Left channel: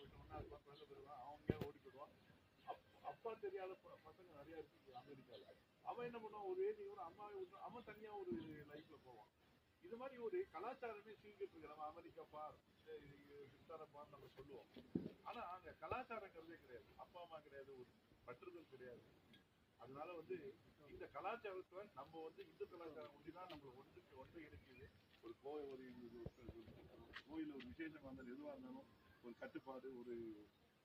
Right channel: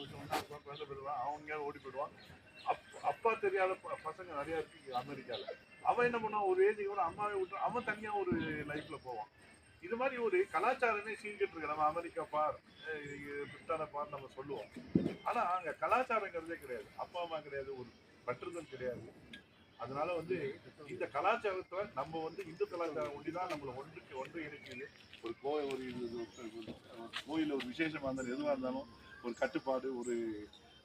வருஷம் அப்பா குழந்தை பெறுவான் அவங்க ஓடி போயிடுவான் அப் அப்பா தெரியாத ப- பசங்க நிறைய இருக்கு அமெரிக்காவில் அவன் என்ன பண்ணுவான்? ஒரு ஏஜுக்கு கூட அம்மாவை விட்டு அவன் தனியாக ஒரு லைஃப்பில் போவான். இது மாதிரி ஒரு கலாச்சாரமே சீர்கிட்டு இருக்கு. நம்ம அமெரிக்கா பார் அஹ் பிரிட்டான பார் நம்ம சொல்லுவோம். ஆனால் அங்கே கலாச்சாரங்கிறதே கிடையாது. அப்பா அம்மா கிடையாது. ஒரு பற்றுதல் கிடையாது. அதனால வந்து இந்த கலாச்சாரத்தை நம்ம வந்து இந்து கலாச்சாரம் ஒண்டிதான் நம்மளை ஒன்றுக்கு ஒன்று இணைக்குது. ஒரு கோயில் ஒரு கோயில் ஒரு- விசேஷமாக ஒரு இருந்தாலும் எதுவாக இருந்தாலும் ஒரு கட்டுப்பாடு ஒரு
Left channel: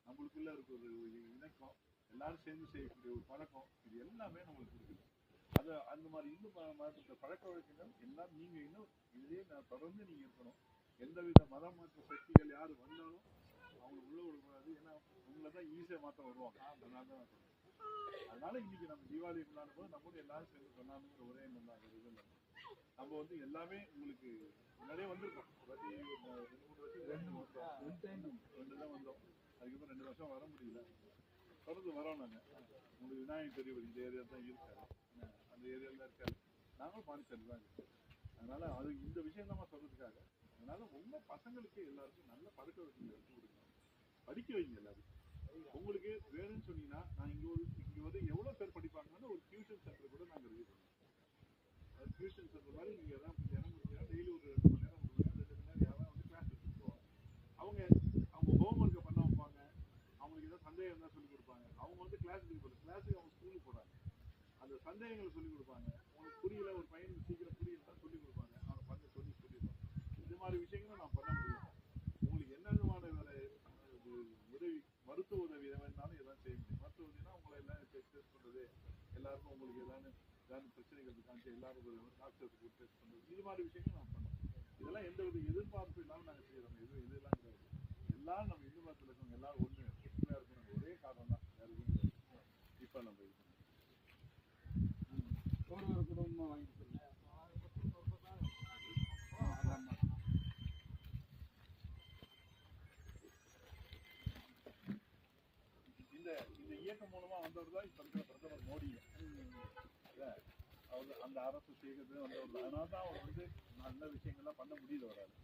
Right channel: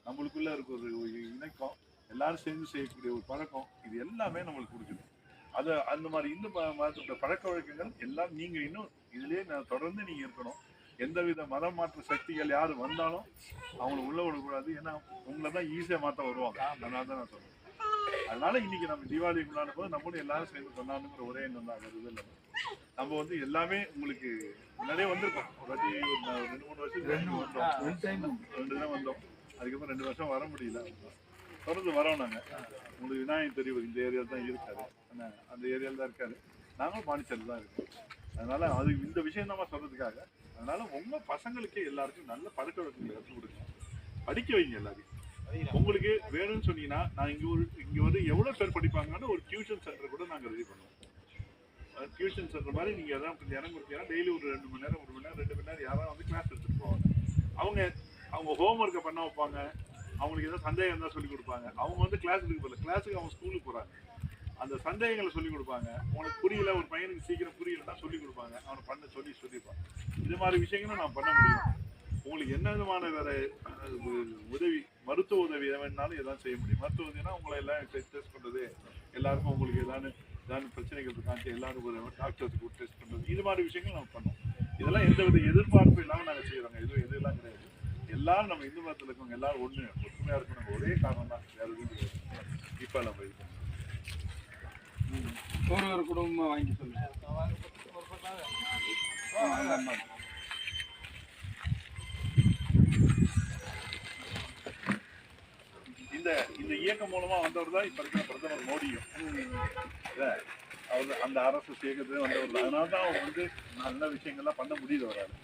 நம்மளுக்குள்ள இருக்க ஒரு இணக்கம் எல்லாரும் சேர்ந்து செய்யக்கூடிய ஒரு பழக்கம் இது எல்லாமே நம்மளுக்கு கொடுக்குது. அது அந்த மாதிரி இந்து மதத்தோட பழக்க வழக்கங்கள் எல்லாம் நீங்க இன்னும் இதுலயே நான் தொடர்ந்து நீங்க இருக்கணும். எந்தவித மதம் மாற்ற சக்திகள் யாரு வந்தாலும் அவங்கள உள்ள விடக்கூடாது. ஏன்னா உங்களை தான் ஈஸியா மாத்த வருவாங்க. அதனால தான் நான் சொல்றேன். அதனால இன்னைக்கு நம்ம தீபாவளி கொண்டாடும் போது நம்மளும் எல்லாரும் சேர்ந்து கொண்டாடணுங்கிற ஒரே எண்ணம் தான். வேற இதுல நம்ம வந்து எல்லாமே உங்களுக்கு முன்னாடியே வந்திருக்கோம். ஒரு வாட்டி ஒரு ரெண்டு மூணு வருஷம் ரெண்டு வந்தோம். ரெண்டு தினம் வந்தோம். அதுக்கப்புறம் ரெண்டு வருஷம் வர முடியல. தொடர்ந்து வரோம் நாங்க. உங்களுக்கு விநாயகர் தெரியும் இந்த ஏரியாவில் தான் இருக்காரு. அந்த ஏரியாவில் தான் இருக்காரு. நாங்களும் பாண்டிச்சேரியில் தான் இருக்கோம். அதனால அது இந்த விஷயம் தான் சொல்றதுக்காக. அதனால உங்க பசங்களுக்கு எல்லாருக்கும் நல்ல பழக்க வழக்கங்களை கற்றுக் கொடுங்க. படிக்க வைங்க எல்லாரையும். உங்களுக்கு வேணும்னு சொன்னீங்கன்னா நான் இங்கே ஒரு இங்கே வந்து எவ்வளோ பேர் படிப்பாங்கன்னு ஒரு டியூஷன் சென்டர் கூட நாங்கள் ரெடி பண்ணுவோம். டியூஷன் சென்டர் மாதிரி நீங்கள் எதாவது கொஞ்சம் இடம் கொடுத்தீங்கன்னா டெய்லி ஒரு ரெண்டு மணி நேரம் ஒரு மணி நேரம் ரெண்டு மணி நேரம் யாராவது வந்து கிளாஸ் எடுத்துகிட்டு போவாங்க. அவங்க அவங்க ஹோம் ஒர்க்கை பண்ண வைப்பாங்க. அவங்களுக்கு ஏதாவது சந்தேகம் இருந்தால் சொல்லி கொடுப்பாங்க. அவங்க வந்து கிளாஸுக்கு போகல கிளாஸுக்கு அவங்க ஸ்கூலுக்கு போகிறாங்க அந்த சந்தேகங்களை சொல்லிக் கொடுப்பாங்க. உனக்கு புரியல ஒரு பையனுக்கு சீக்கிரம் புரியலன்னா சொல்லிக் கொடுப்பாங்க. அவனை பண்ண சொல்லி சொல்லியிருப்பான் இது மாதிரி விஷயங்களும் நான் பண்ண முடியும். உங்களுக்கு என்ன விதமான வேறு உதவி மருத்துவ உதவி எது வேணாலும் எதாவது செய்ய முடியும். மருத்துவ உதவினா உங்களை எல்லாம் டெஸ்ட் பண்றது எல்லாருக்கும் உங்களுக்கு ஏதாவது ஏதாவது பிரச்சனைகள் இருக்காச்சு எல்லாரும் ஒரு டாக்டர்ஸுக்கு டெஸ்ட் பண்றது இது மாதிரி விஷயங்கள் நம்ம பண்ணோம் இதெல்லாம் எந்த வித எதிர்பார்ப்பு இல்லாம நாங்க செய்யறோங்க. எதுவும் எதுலாம் கிடையாது. எல்லாரும் நம்ம இந்து மதத்துல இருக்கவங்க எல்லாரும் ஒண்ணு ஒற்றுமையா இருக்கணும் ஒரே காரணம் தான். வேற எதுவும் கிடையாது. இப்ப நம்ம இது. ஒரு ஒரு குடும்பமா வாங்கி சொல்லுங்க ஆ, அந்த அம்மா. இந்த இந்த இயக்கம் மூலமா வந்தவர் தான் இப்ப இருக்கிற பிரதமர் மோடியும். அவர் அந்த அரசு சேர்க்கறது வந்தவர் அதனால தான் அவர் வந்து நல்ல விஷயங்கள்லாம் பண்ண முடியுது அவரால்.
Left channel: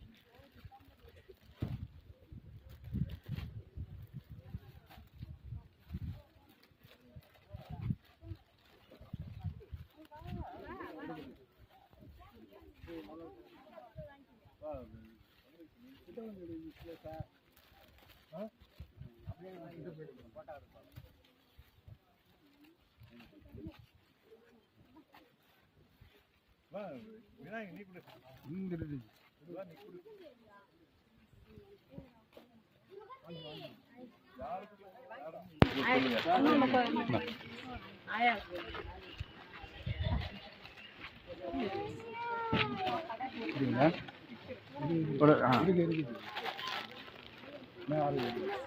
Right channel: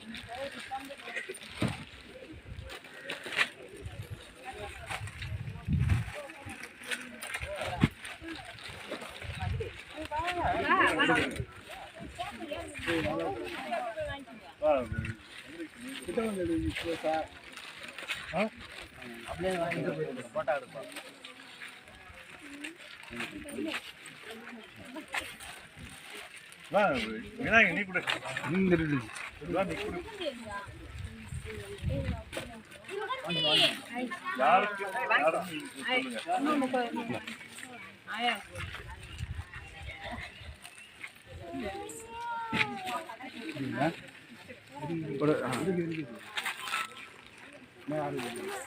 கிட்ட வந்து சார் விநாயகர் நீ கூட இந்த நீ சொல்லுங்க